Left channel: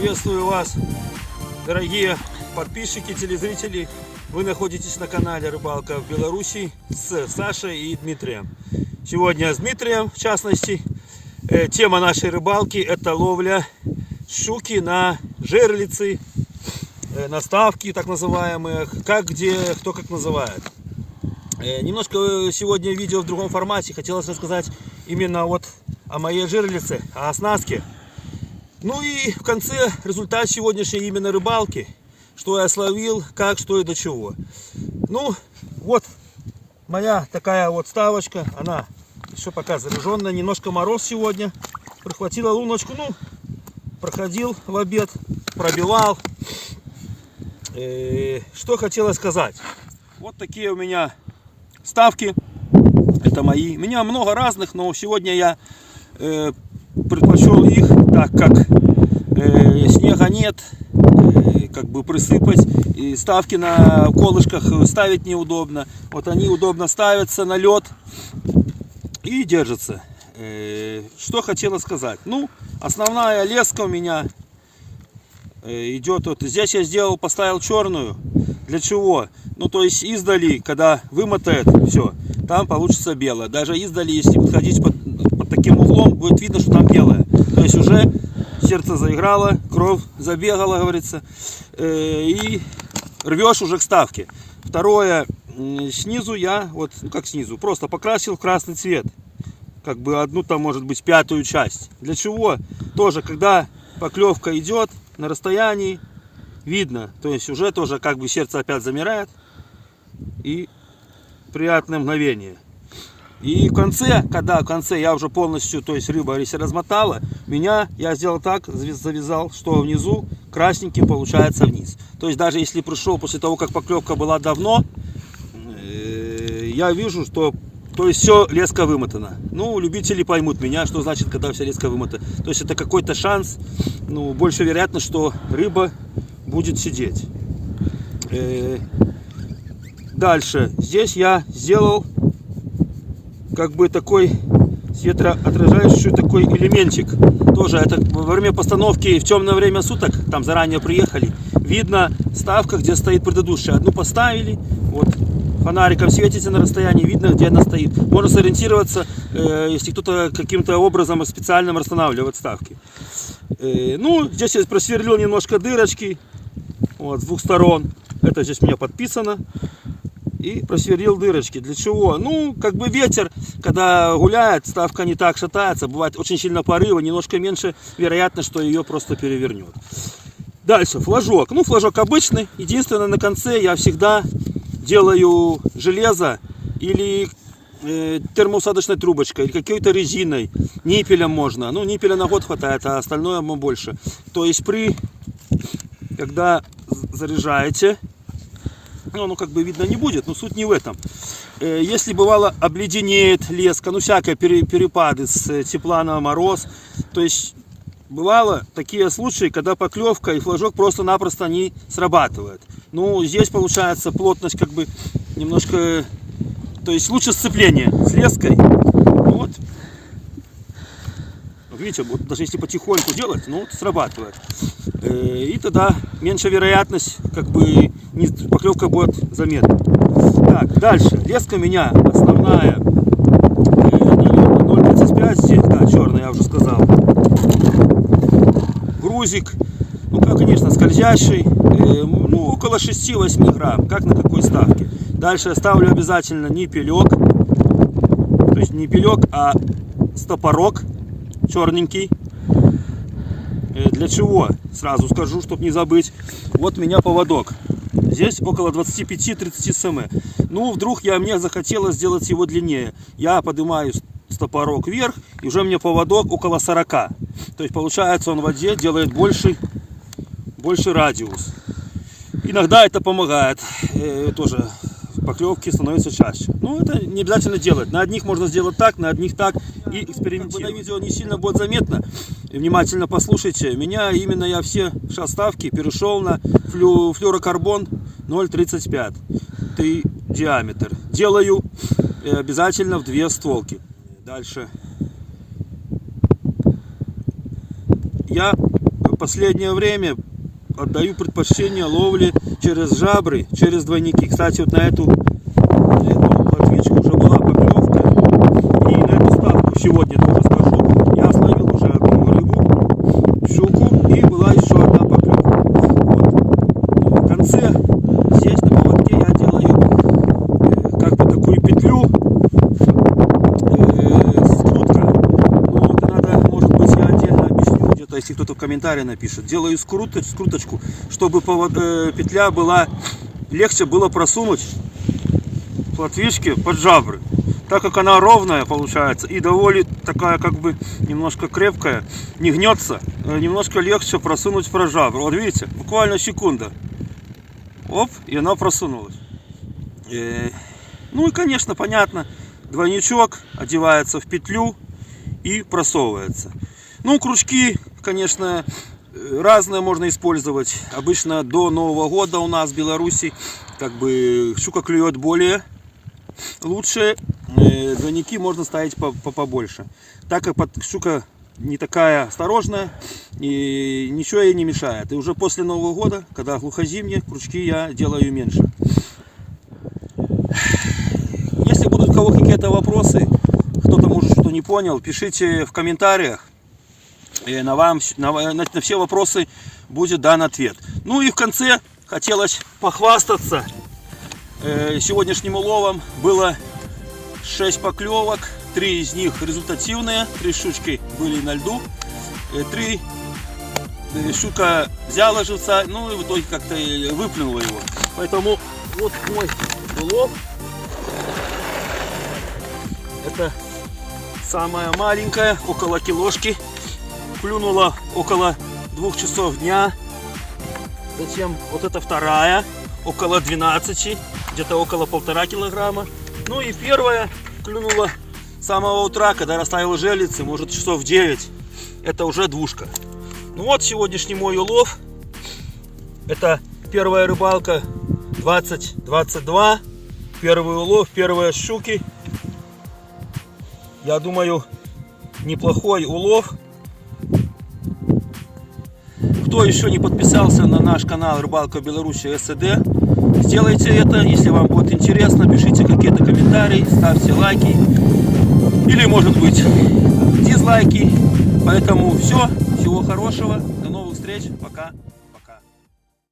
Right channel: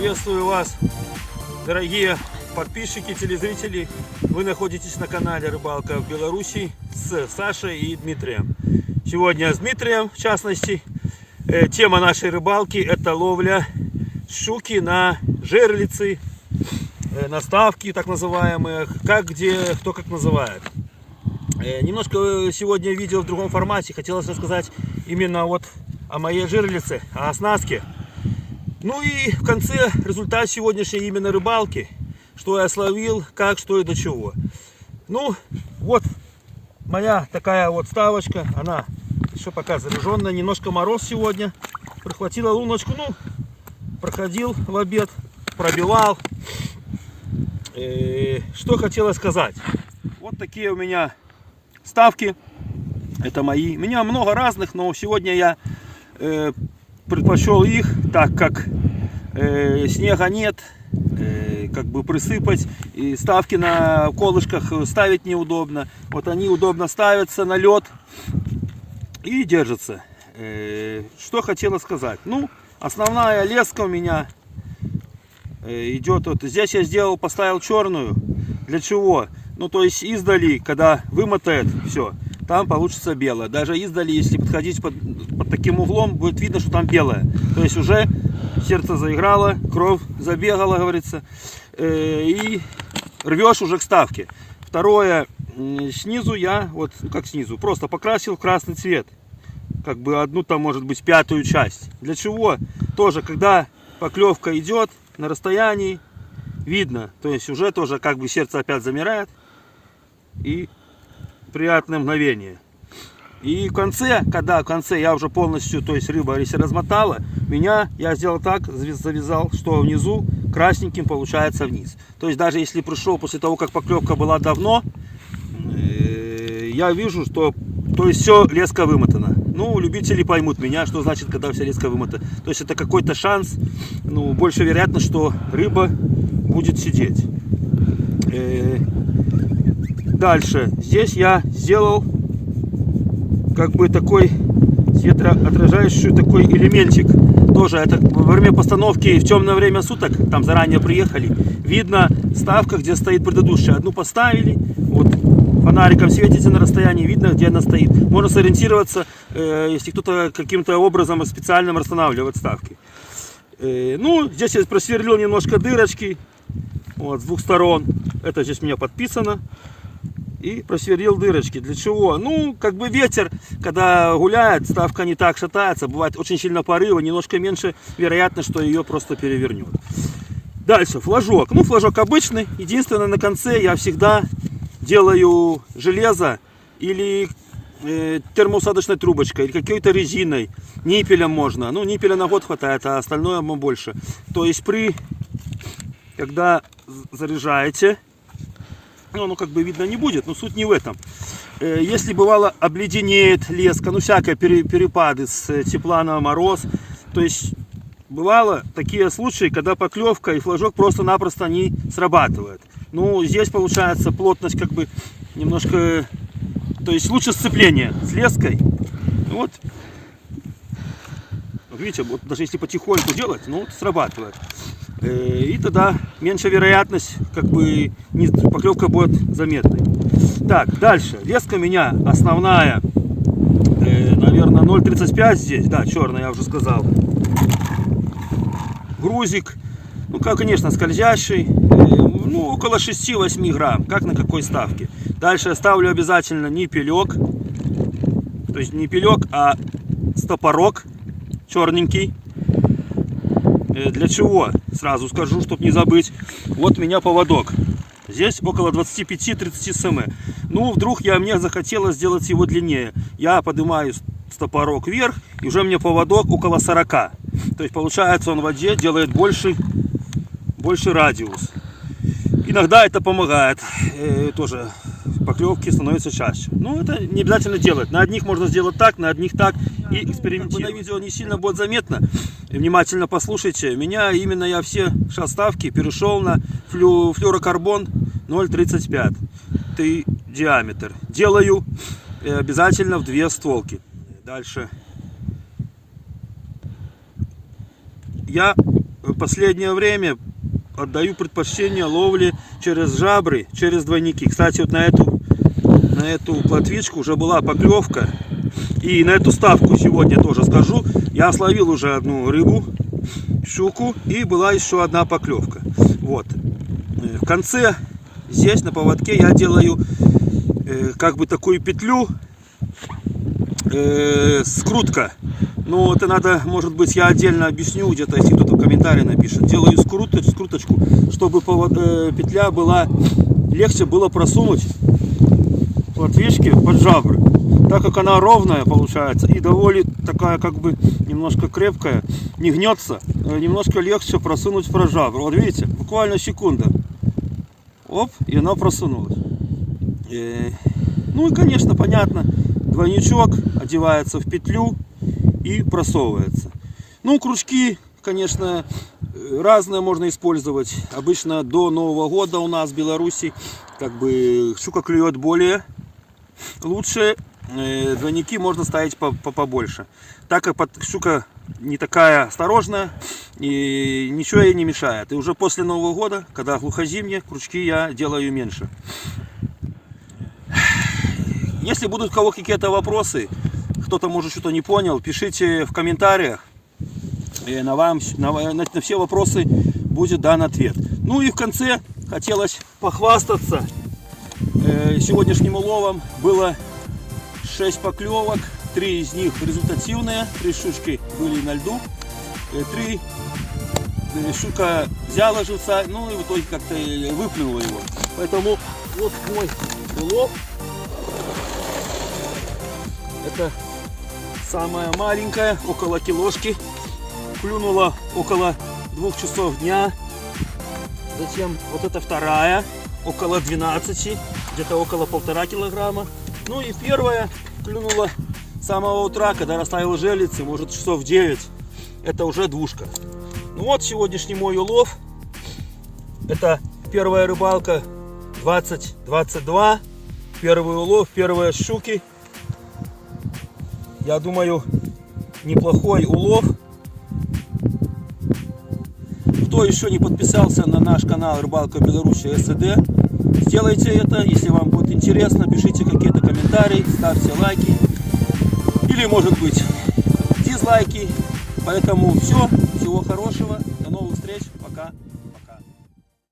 Приветствую вас, дорогие подписчики, телезрители. Вы находитесь на канале Рыбалка в Беларуси с Сашей и Дмитрием. Сегодня с Дмитрием, в частности, тема нашей рыбалки — это ловля щуки на жерлицы, на ставки так называемые, как где, кто как называет. Немножко сегодня видео в другом формате. Хотелось рассказать именно вот о моей жерлице, о оснастке. Ну и в конце результат сегодняшней именно рыбалки. Что я словил, как, что и до чего. Ну, вот моя такая вот ставочка. Она еще пока заряженная. Немножко мороз сегодня. Прихватила луночку. Ну, проходил в обед, пробивал. Что хотела сказать. Вот такие у меня ставки. Это мои. У меня много разных, но сегодня я предпочел их, так как снега нет, как бы присыпать, и ставки на колышках ставить неудобно. Вот они удобно ставятся на лед и держатся. Что хотела сказать. Ну, основная леска у меня идет вот здесь. Я поставил черную. Для чего? Ну, то есть издали, когда вымотает все, там получится белое. Даже издали, если подходить под таким углом, будет видно, что там белое. То есть уже сердце заиграло, кровь забегала, говорится, и рвешь уже к ставке. Второе, снизу я, вот, ну как снизу, просто покрасил в красный цвет. Как бы одну там, может быть, пятую часть. Для чего? Тоже, когда поклевка идет на расстоянии, видно. То есть уже тоже как бы сердце опять замирает. И приятное мгновение. И в конце, когда в конце я уже полностью, то есть рыба, если размотала, я сделал так, завязал, что внизу красненьким получается вниз. То есть даже если пришел после того, как поклевка была давно, я вижу, что то есть все леска вымотана. Ну, любители поймут меня, что значит, когда вся леска вымотана. То есть это какой-то шанс, ну, больше вероятно, что рыба будет сидеть. Дальше. Здесь я сделал как бы такой светоотражающий такой элементик. Тоже это во время постановки в темное время суток, там заранее приехали, видно ставка, где стоит предыдущая. Одну поставили, вот фонариком светите на расстоянии, видно, где она стоит. Можно сориентироваться, если кто-то каким-то образом специальным расстанавливает ставки. Ну, здесь я просверлил немножко дырочки, вот, с двух сторон. Это здесь у меня подписано. И просверлил дырочки. Для чего? Ну, как бы ветер, когда гуляет, ставка не так шатается. Бывает очень сильно порыва, немножко меньше вероятно, что ее просто перевернет. Дальше, флажок. Ну, флажок обычный. Единственное, на конце я всегда делаю железо или термоусадочной трубочкой, или какой-то резиной. Ниппелем можно. Ну, ниппеля на год хватает, а остальное больше. То есть когда заряжаете, ну, как бы видно не будет, но суть не в этом. Если бывало обледенеет леска, ну, всякие перепады с тепла на мороз, то есть бывало такие случаи, когда поклевка и флажок просто-напросто не срабатывают. Ну, здесь получается плотность как бы немножко, то есть лучше сцепление с леской. Вот. Видите, вот даже если потихоньку делать, ну, срабатывает. И тогда меньше вероятность, как бы, поклевка будет заметной. Так, дальше. Леска у меня основная, наверное, 0,35 здесь, да, черная, я уже сказал. Грузик, ну, как, конечно, скользящий, ну, около 6-8 грамм, как на какой ставке. Дальше я ставлю обязательно ниппелек, то есть не пилек, а стопорок черненький. Для чего? Сразу скажу, чтобы не забыть. Вот у меня поводок. Здесь около 25-30 см. Ну, вдруг мне захотелось сделать его длиннее. Я поднимаю стопорок вверх, и уже мне поводок около 40. То есть, получается, он в воде делает больше радиус. Иногда это помогает. Тоже поклевки становятся чаще. Ну, это не обязательно делать. На одних можно сделать так, на одних так. И экспериментировать. На видео не сильно будет заметно. Внимательно послушайте. Я все ставки перешел на флюорокарбон 0,35. Диаметр. Делаю обязательно в 2 стволки. Дальше. Я последнее время отдаю предпочтение ловле через жабры, через двойники. Кстати, вот на эту плотвичку уже была поклевка. И на эту ставку сегодня тоже скажу. Я словил уже одну рыбу, щуку, и была еще одна поклевка. Вот. В конце здесь на поводке я делаю как бы такую петлю, скрутка. Но это надо, может быть, я отдельно объясню, где-то, если кто-то в комментарии напишет. Делаю скруточку, чтобы петля была, легче было просунуть плотвички под жабры. Так как она ровная получается и довольно такая, как бы, немножко крепкая, не гнется, немножко легче просунуть под жабру. Вот видите, буквально секунда. Оп, и она просунулась. Ну и, конечно, понятно, двойничок одевается в петлю и просовывается. Ну, крючки, конечно, разные можно использовать. Обычно до Нового года у нас в Беларуси как бы щука клюет более лучше. Двойники можно ставить побольше. Так как щука не такая осторожная, и ничего ей не мешает. И уже после Нового года, когда глухозимье, крючки я делаю меньше. Если будут у кого какие-то вопросы, кто-то может что-то не понял, пишите в комментариях. И на все вопросы будет дан ответ. Ну и в конце хотелось похвастаться сегодняшним уловом. Было 6 поклевок, 3 из них результативные, 3 щучки были на льду, 3 щука взяла живца, ну и в итоге как-то выплюнула его. Поэтому вот мой улов. Это самая маленькая, около килошки. Клюнула около 2 часов дня. Затем вот эта вторая, около 12, где-то около 1,5 килограмма. Ну и первая клюнула с самого утра, когда расставила жерлицы, может часов 9. Это уже двушка. Ну вот сегодняшний мой улов. Это первая рыбалка 2022. Первый улов, первые щуки. Я думаю, неплохой улов. Кто еще не подписался на наш канал Рыбалка Беларуси СД, сделайте это. Если вам будет интересно, пишите какие-то комментарии, ставьте лайки. Или, может быть, дизлайки. Поэтому все. Всего хорошего. До новых встреч. Пока.